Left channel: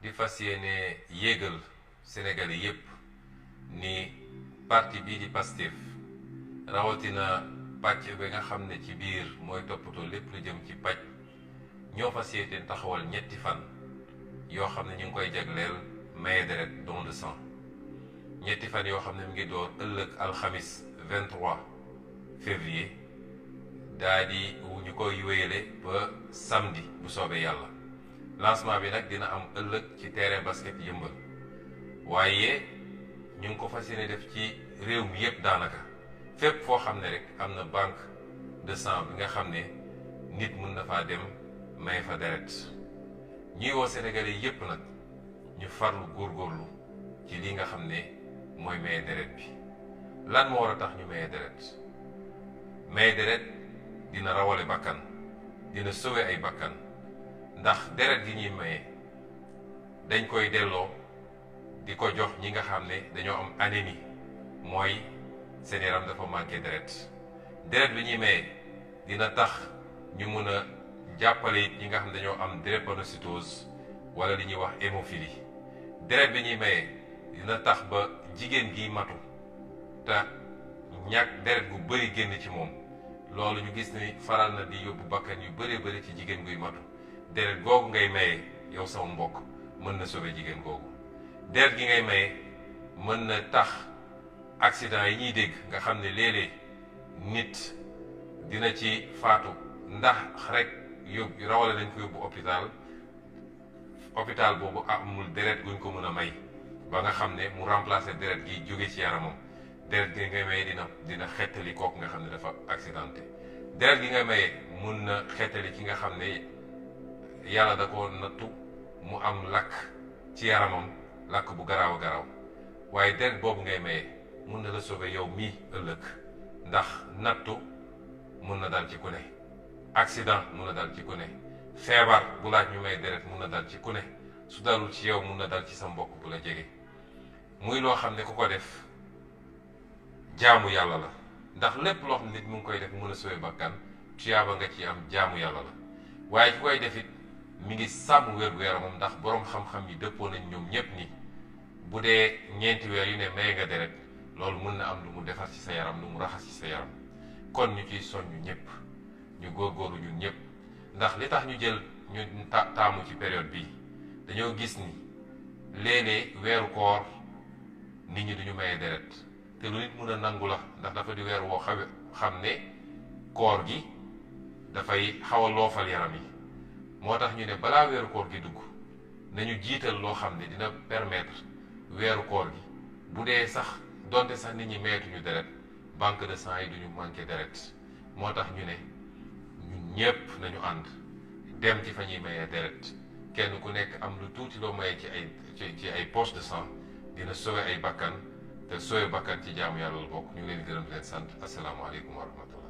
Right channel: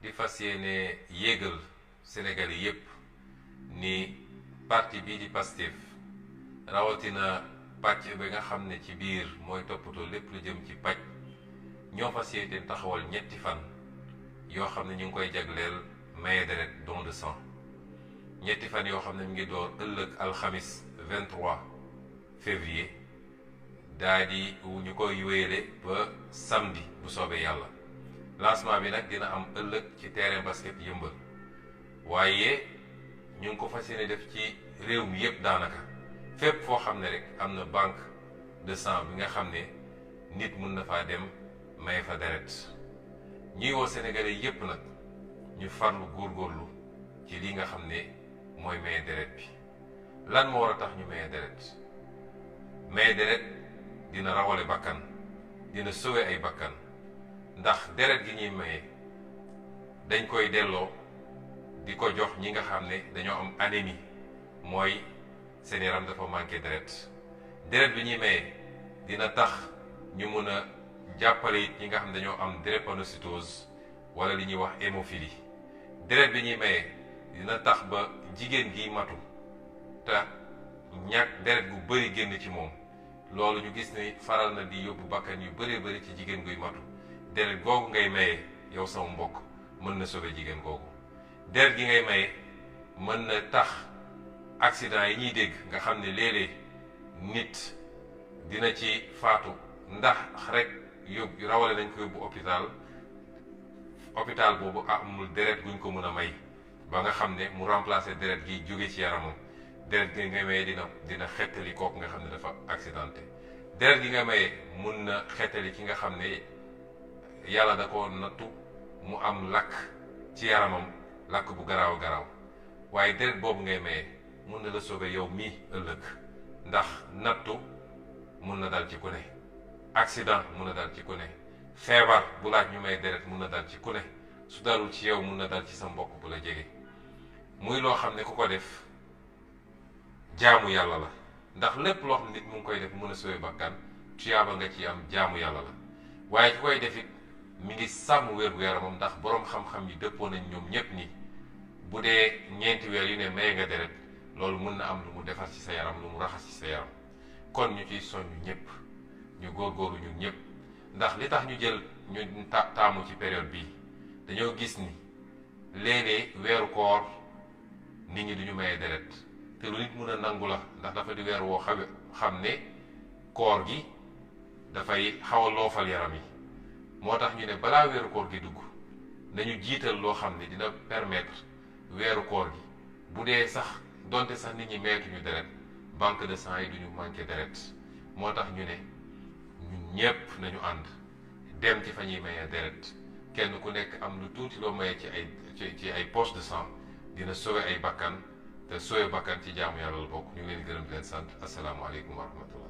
di fas yéene yéegal Sénégalais yépp ni parti bii di Pastef rawatina pàcc ba nga xam ne ci biir mooy toppatoo lépp lu jëm ci paj ñoo fas yéene taxawal ñetti fan yoo xam ne ñu ngi koy jagleel maye deret don de sang ñetti fan yoo xam ne mu ngi door ëllëg alxamis 23 février daa di ñu koy wéyale ba samedi bu soobee yàlla. lancement bi nag dina am ëllëg ci terrain basket yëmbal waaye ñu ngi ko fas yéene def ci réew mi yépp daanaka fépp foo xam ne rek am na banque de sang bi nga xam ne nit mun na faa dem may fa deret ñuy woo Sénégalais yépp nag ñu farlu góorgóorlu ci li nga xam ne mooy maye deret bi. lan moo war a tax ñu maye deret dina rawale bakkan dina sauver ay bakkan ndax deret gi ñuy maye dañ koy delloo di ko jox ñi nga xam ne dañoo am anémie mooy seen yaram dafa manqué deret bi ñuy maye dina tax ñu mun a jàppale it ñi nga xam ne dañoo am drépanocytose wala li ñuy wax hémophilie. deret bi ñuy maye dina tax ba jigéen gi matu te ñàkk deret gu bëri génn ci moom loolu ñu gis ni faral na di yóbbu bakkan yu bëree bëri ci jigéen guy matu. deret googu ngay maye yow sama mbokk mën na sauver jigéen googu. deret gi ngay maye mën na tax accident yi ñuy dégg nga xam ne léeg-léeg nit dina ci faatu ndax rek yóbbu rawale nañ ko yóbbu hôpital boobu amul deret guñ ko mën a may ba nga xam ne mu remplacer deret gi jóge ci yaramam. deret gi ngay maye dina xettali kooku nga xam ne dafa accidenté. deret gi nga maye mun na xettali ki nga xam ne yàlla da ko nattu mu am lakk ci yaramam lakk bu garaaw a garaaw waaye deret boobu ngay maye mun na la sauver yow mii ëllëg ndax nattu mun na dal ci ku ne accident mun na dal ci ku ne feebar bu laaj ñu may deret mun na dal ci ku ne su dalul ci yow mun na dal ci sa mbokk bu la jege muy loo xam ne ku ko def jaamu yàlla la ndax lépp loo xam ne nit mu ngi koy def mun a sauver bakkan tuyaaba nga ci am jaamu yàlla la waaye ki koy def it mi ngi sàmm wér-gu-yaramam ndax boroom xam-xam yi dëppoo nañ ñoom ñépp ni bu dee ñeenti weer yu ne maye nga deret loolu mun na am lu mu defar ci sa yaram lu mu raxas ci sa yaram kon ñu ciy soññu ñépp ñu góorgóorlu ñun ñépp ndax li tax ñu jël ñu taamu ci période bii dañoo gis ni léeg-léeg weeru koor nit ñi duñu maye deret te lu nit mun a nangu la ndax dafa di weer woo xam ne koor gi dafay xaw a loofal yaram yi moo tax ñu ne balaa weeru koor gi dugg nañu jiital loo xam ne dina permettre weeru koor gi bu dee sax donte sax nit ñi meetuñu deret banque de sang yi duñu manqué deret moo tax ñu ne ñun ñépp nañu ànd dem ci fa ñuy mayee deret kenn ku nekk am lu tuuti loo mayee ci ay poche de sang dina sauver ay bakkan te sauver bakkan ci jaamu yàlla la bokk. ñu ngi leen gërëm di leen sant asalaamaaleykum wa rahmatullah.